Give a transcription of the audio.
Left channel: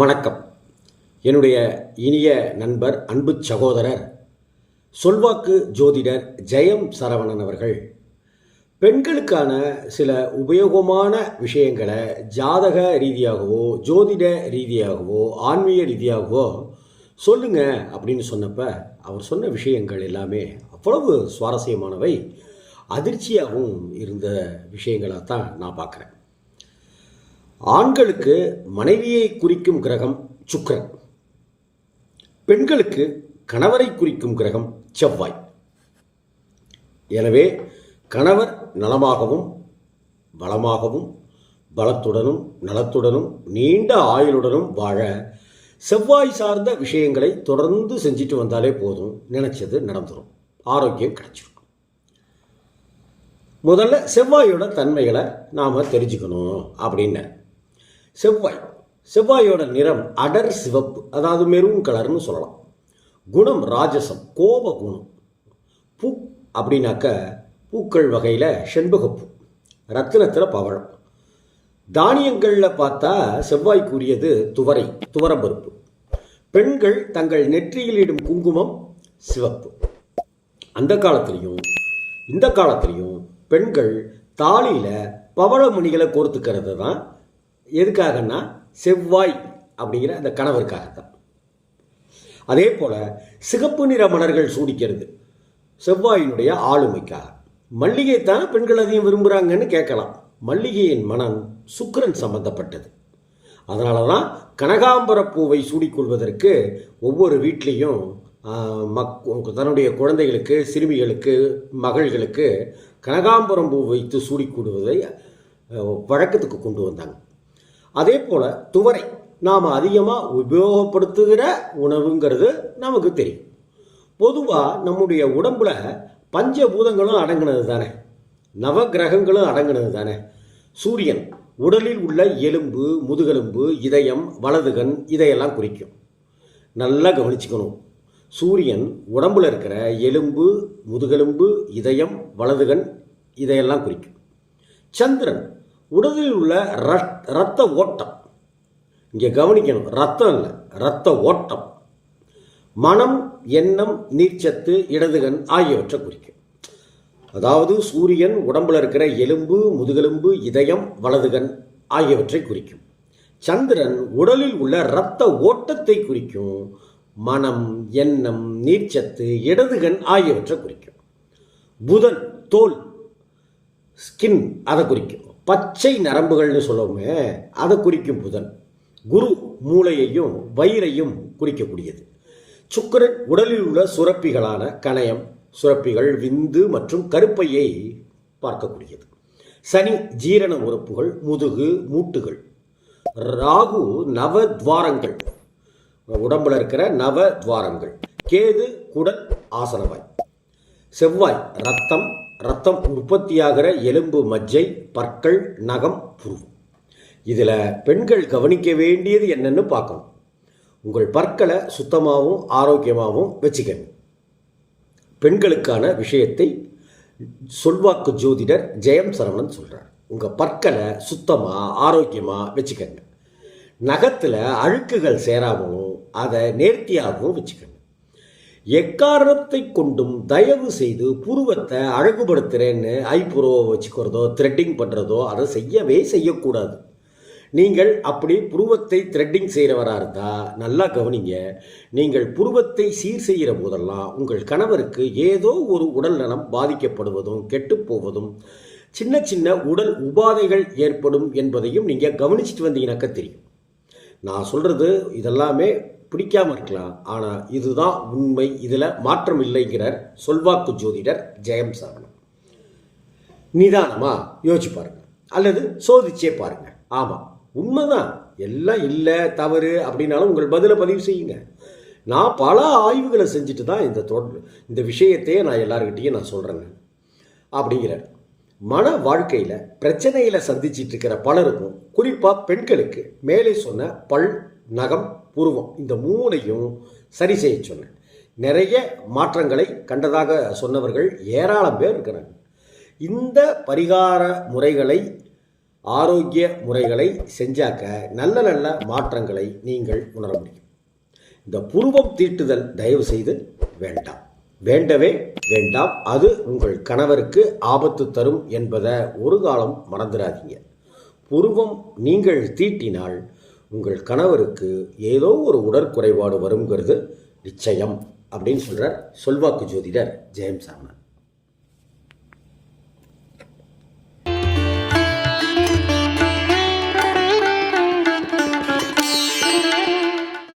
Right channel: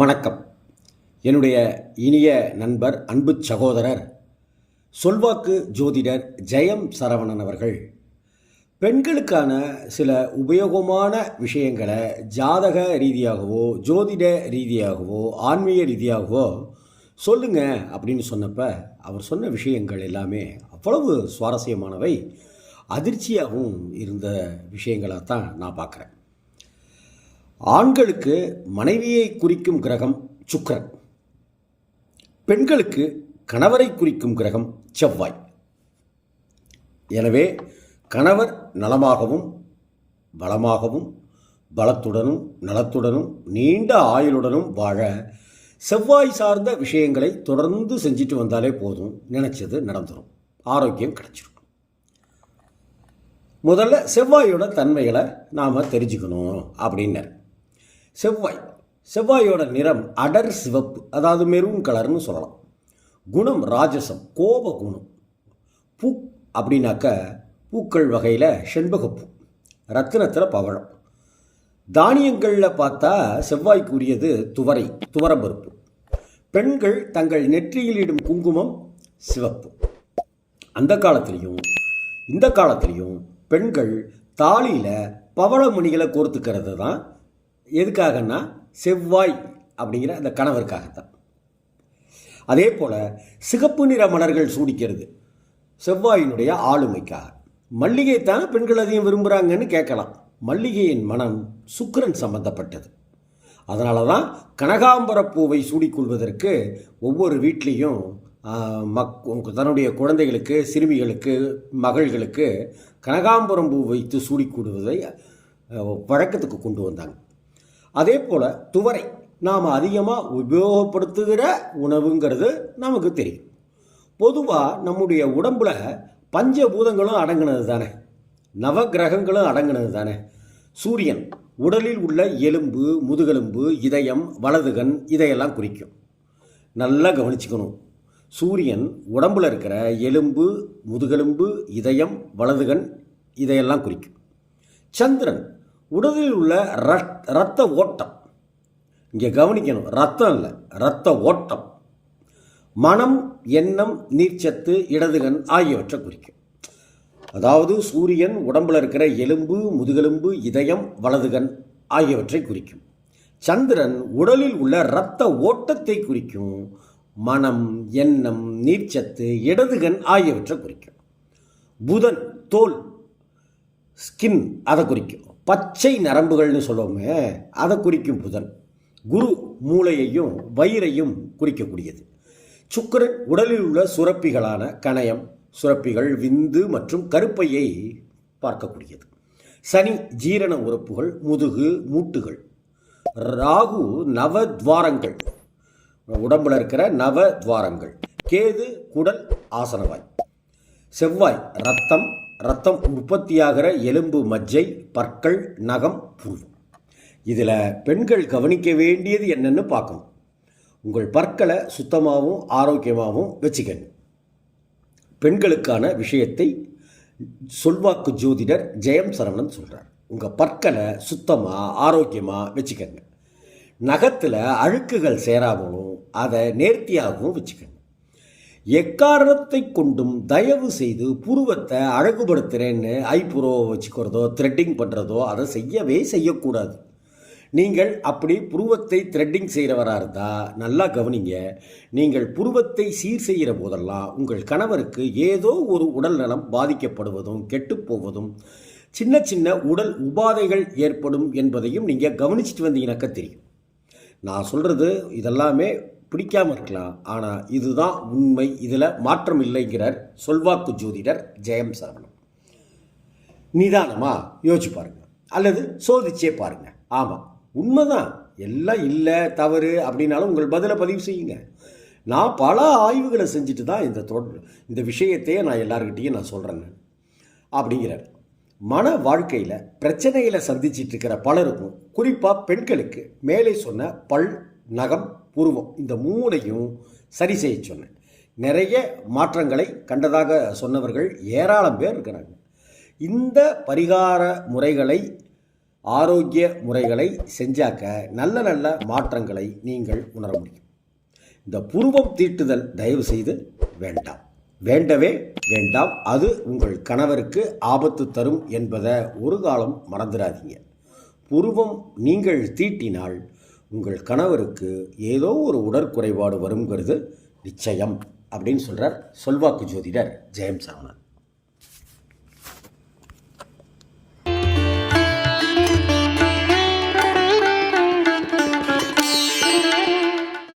வணக்கம். என்னுடைய இனிய நண்பர், அன்பு சகோதரர், சொல்வாக்கு ஜோதிடர் ஜெயம் சரவணன் அவர்கள் பெண்களுக்கான சில உபயோகமான விஷயங்களை ஜாதக ரீதியாகவோ ஜோதிட ரீதியாகவோ ஆன்மீக ரீதியாகவோ சொல்லுங்க அப்படின்னு சொன்னப்ப அவர் சொன்ன விஷயங்கள் எல்லாமே அவ்வளவு சுவாரஸ்யமானவை, அதிர்ச்சியாகவும் இருந்த விஷயங்களாக தான் நான் பார்க்குறேன். ஆண்களுக்கு மனைவியை குறிக்கும் கிரகம் சுக்கிரன், பெண்களுக்கு கணவரை குறிக்கும் கிரகம் செவ்வாய். எனவே கணவர் நலமாகவும் வளமாகவும் பலத்துடனும் நலத்துடனும் நீண்ட ஆயுளுடனும் வாழ செவ்வாய் சார்ந்த விஷயங்களை தொடர்ந்து செஞ்சுட்டு வந்தாலே போதும், நினைச்சது நடந்துடும், ஆரோக்கியம் கிடைச்சிடும். முதல்ல செவ்வாயோட தன்மைகளை நாம் தெரிஞ்சுக்கணும் அப்படின்னு. செவ்வாயோட நிறம் அடர் சிவப்பு, அதாவது மெரூன் கலர்னு சொல்லலாம். குணம் ராஜசம், கோப குணம். பூ அப்படின்னாக்க பூக்கள் வகையில் செண்பகப்பூ, ரத்தினத்தில் பவழம். தானியங்களில் பார்த்தா செவ்வாய்க்குரியது துவரம்பருப்பு. பெண்கள் தங்கள் நெற்றியில் இடும் குங்குமம் சிவப்பு. அந்த காலத்திலையும் இந்த காலத்திலையும் பெண்கள் தாலியில் பவளமணிகளை கோர்த்துக்கிறது தான் எதுக்காகன்னா செவ்வாய் அப்படிங்கிற அந்த கணவருக்காகத்தான். அதே போல் சிகப்பு நிற மலர்கள் சூடிக்கிறது செவ்வாயினுடைய ஆளுமைக்காக. மல்லிகைத்தானே பெண்கள் அதிகம் விரும்புகிறாங்கன்னு கேட்கலாம். மல்லிகையின் மனம் சுக்கிரன் சம்பந்தப்பட்டது. அதனால தான் கனகாம்பர பூவை சூடிக்கொள்வதற்கு ஒவ்வொரு வீட்லேயும் தன்னுடைய குழந்தைகளுக்கு, சிறுமிகளுக்கு, மகள்களுக்கு கனகாம்பரம் பூ வைத்து சூடிக்கொள்வதை வழக்கத்துக்கு கொண்டு வந்தாங்க. அதே போல் துவரை நாம் அதிகமாக உபயோகப்படுத்துகிற உணவுங்கிறது நமக்கு தெரியும். பொதுவாக நம்முடைய உடம்புல பஞ்சபூதங்களும் அடங்கினது தானே, நவகிரகங்களும் அடங்கினது தானே. சூரியன் உடலில் உள்ள எலும்பு, முதுகெலும்பு, இதயம், வலதுகன் இதையெல்லாம் குறிக்கும். நல்லா கவனிச்சுக்கணும். சூரியன் உடம்புல இருக்கிற எலும்பு, முதுகெலும்பு, இதயம், வலதுகன் இதையெல்லாம் குறிக்கும். சந்திரன் உடலில் உள்ள இரத்த ஓட்டம். இங்கே கவனிக்கணும், ரத்தம் இல்லை, இரத்த ஓட்டம். மனம், எண்ணம், நீர்ச்சத்து, இடதுகன் ஆகியவற்றை குறிக்கும். அதாவது சூரியன் உடம்பில் இருக்கிற எலும்பு, முதுகெலும்பு, இதயம், வலதுகன் ஆகியவற்றை குறிக்கும். சந்திரன் உடலில் உள்ள இரத்த ஓட்டத்தை குறிக்கும். மனம், எண்ணம், நீர்ச்சத்து, இடதுகன் ஆகியவற்றை குறிக்கும். புதன் தோல், ஸ்கின், அதை குறிக்கும். பச்சை நரம்புகள்னு சொல்லுவோமே, அதை குறிக்கும் புதன். குரு மூளையையும் வயிறையும் குறிக்கக்கூடியது. சுக்கிரன் உடலில் உள்ள சுரப்பிகளான கணையம், சுரப்பிகள், விந்து மற்றும் கருப்பையை பார்க்கக்கூடியது. சனி ஜீரண உறுப்புகள், முதுகு, மூட்டுகள். ராகு நவத்வாரங்கள், உடம்புல இருக்கிற நவத்வாரங்கள். கேது குடல், ஆசனவாய். செவ்வாய் ரத்தம் உற்பத்தியாகிற எலும்பு, மஜ்ஜை, பற்கள், நகம், புருவம். இதில் பெண்கள் கவனிக்க வேண்டியது என்னன்னு பார்க்கணும். உங்கள் பற்களை சுத்தமாகவும் ஆரோக்கியமாகவும் வச்சுக்கணும். பெண்களுக்கான விஷயத்தை சொல்வாக்கு ஜோதிடர் ஜெயம் சரவணன் சொல்கிறார். உங்கள் பற்களை சுத்தமாக ஆரோக்கியமாக வச்சுக்கங்க. நகத்தில் அழுக்குகள் சேராமலும் அதை நேர்த்தியாகவும் வச்சுக்கணும். எக்காரணத்தை கொண்டும் தயவு செய்து புருவத்தை அழகுபடுத்துகிறேன்னு ஐப்புருவை வச்சுக்கிறதோ த்ரெட்டிங் பண்ணுறதோ அதை செய்யக்கூடாது. நீங்கள் அப்படி புருவத்தை த்ரெட்டிங் செய்கிறவராக இருந்தால் நல்லா கவனிங்க. நீங்கள் புருவத்தை சீர் செய்கிற போதெல்லாம் உங்கள் கணவருக்கு ஏதோ ஒரு உடல் நலம் பாதிக்கப்படுவதும் கெட்டுப்போவதும் சின்ன சின்ன உடல் உபாதைகள் ஏற்படும் என்பதையும் நீங்கள் கவனிச்சுட்டு வந்தீங்கன்னாக்க தெரியும். நான் சொல்கிறது இதெல்லாமே பிடிக்காமல் இருக்கலாம், ஆனால் இதுதான் உண்மை, இதில் மாற்றம் இல்லைங்கிறார் சொல்வாக்கு ஜோதிடர் ஜெயம் சரவணன். நிதானமாக யோசிச்சு பாருங்கள், அல்லது சோதிச்சே பாருங்கள். ஆமாம், உண்மைதான், எல்லாம் இல்லை தவறு அப்படின்னாலும் உங்கள் பதிலை பதிவு செய்யுங்க. நான் பல ஆய்வுகளை செஞ்சுட்டு தான் இந்த விஷயத்தையே நான் எல்லாருக்கிட்டையும் நான் சொல்கிறேங்க அப்படிங்கிறார். மன வாழ்க்கையில் பிரச்சனைகளை சந்திச்சிட்டு இருக்கிற பலருக்கும், குறிப்பாக பெண்களுக்கு மேலே சொன்ன பல், நகம், புருவம் இந்த மூணையும் சரி செய்ய சொன்னேன். நிறைய மாற்றங்களை கண்டதாக சொன்னவர்கள் ஏராளம் பேர் இருக்கிறாங்க. இந்த பரிகார முறைகளை ஆரோக்கிய முறைகளை செஞ்சாக்க நல்ல நல்ல மாற்றங்களை நீங்கள் உணர முடியும். இந்த புருவம் தீட்டுதல் தயவு செய்து வேண்டாம், வேண்டவே வேண்டாம். அது உங்கள் கணவருக்கு ஆபத்து தரும் என்பதை ஒரு காலம் மறந்துடாதீங்க. புருவம் நீங்கள் தீட்டினால் உங்கள் கணவருக்கு ஏதோ ஒரு உடற்குறைபாடு வருங்கிறது நிச்சயம் அப்படின்னு சொல்கிறார் சொல்வாக்கு ஜோதிடர் ஜெயம் சரவணன்.